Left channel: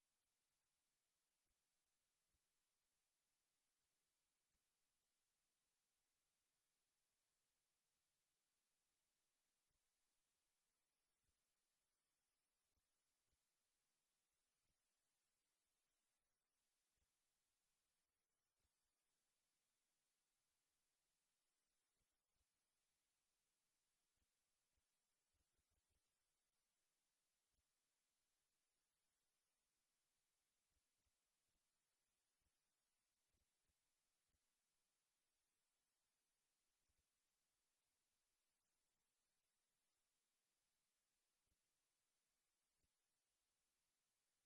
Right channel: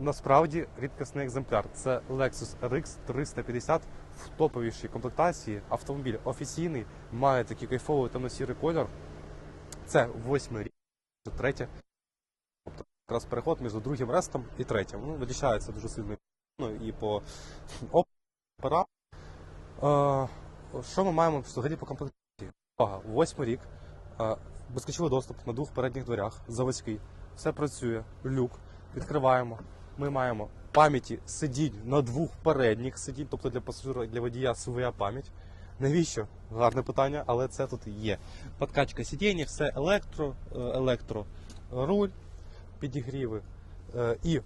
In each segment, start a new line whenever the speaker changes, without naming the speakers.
насправді рідкісний екземпляр. Це Lexus RX 350 в топовішій комплектації. Автомобіль офіційний, має такий кайфовий темно-сірий колір. Це восьмий рік, третє. Тобто якраз переход між другим рестом і третім. Ну, відрізняється дуже сильно ну, і по опера. Е, що ми маємо взагалі по комплектації? Увага, восьмий рік. Е, безключовий доступ на двох передніх дверях, заводський. Все працює, люк, відкриваємо. Ми маємо пам'яті сидінь на двох передніх сидінь, тобто для пасажира для водія своя пам'ять. Навіщо? Гарне питання, але це тут є. Подкачка сидіння, все електро, е, електро, руль, підігріви е, і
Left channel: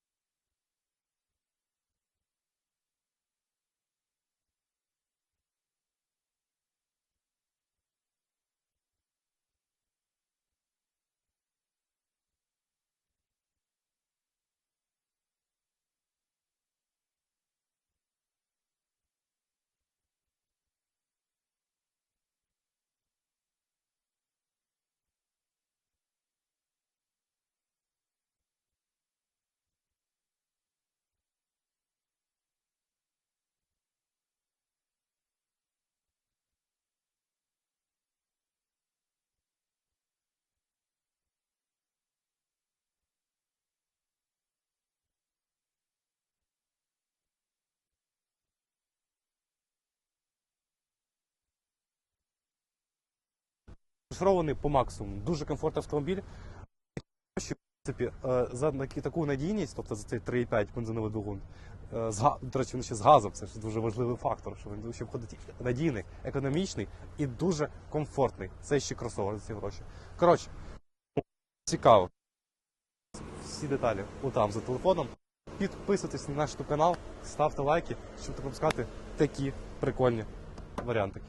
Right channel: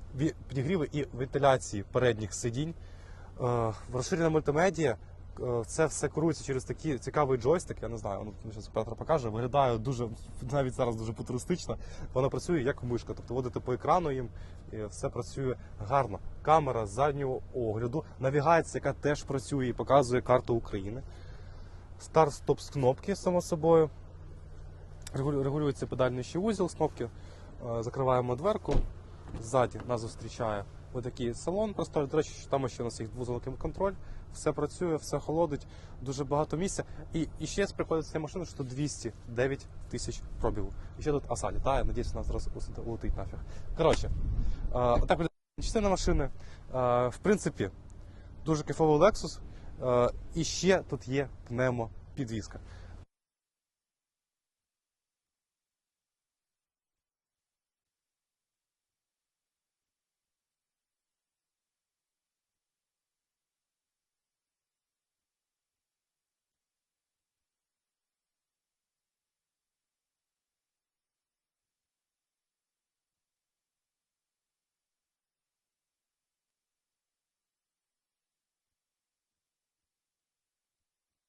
підігріви і вентиляції передніх сидінь. Е, Розширена мультимедіа. е, Це все керується через такий цікавий джойстик. Я не знаю, ну зараз Петро покаже. Виглядає дуже навіть зараз дуже футуристично. Воно працює як мишка, тобто водити по екрану їм, все працює гарно. Камера заднього огляду, навігація, яка теж працює і показує карту України. Старт-стоп з кнопки, само собою. Регулюється педальний ще вузол з кнопки. Е, Закриваємо дверку. Ззаді нас зустрічає отакий салон. Просто, до речі, там ще у нас є вузол контроль. Все працює, все холодить, дуже багато місця. І, і ще приходить з цієї машини, що 209 тисяч пробігу. І ще тут оса літає, надіюсь, нас зараз улетить нафіг. Коротше, отак виглядає частина машини. В принципі, дуже кайфовий Lexus. І ще тут є пневмопідвізка. Розшарований по максимуму. Дуже комфортний автомобіль. В принципі, за таку надійність, тобто за цей 3,5 бензиновий двигун, до речі, він ще з газом, це ж дуже важливий фактор, що він ще входить надійний, економічний і дуже комфортний. Це ще кросовер за ці гроші. Коротше, цікаво. Всі деталі отам за телефоном. Підписуйтесь на наш канал, ставте лайки, щоб не такі прикольні варіантики.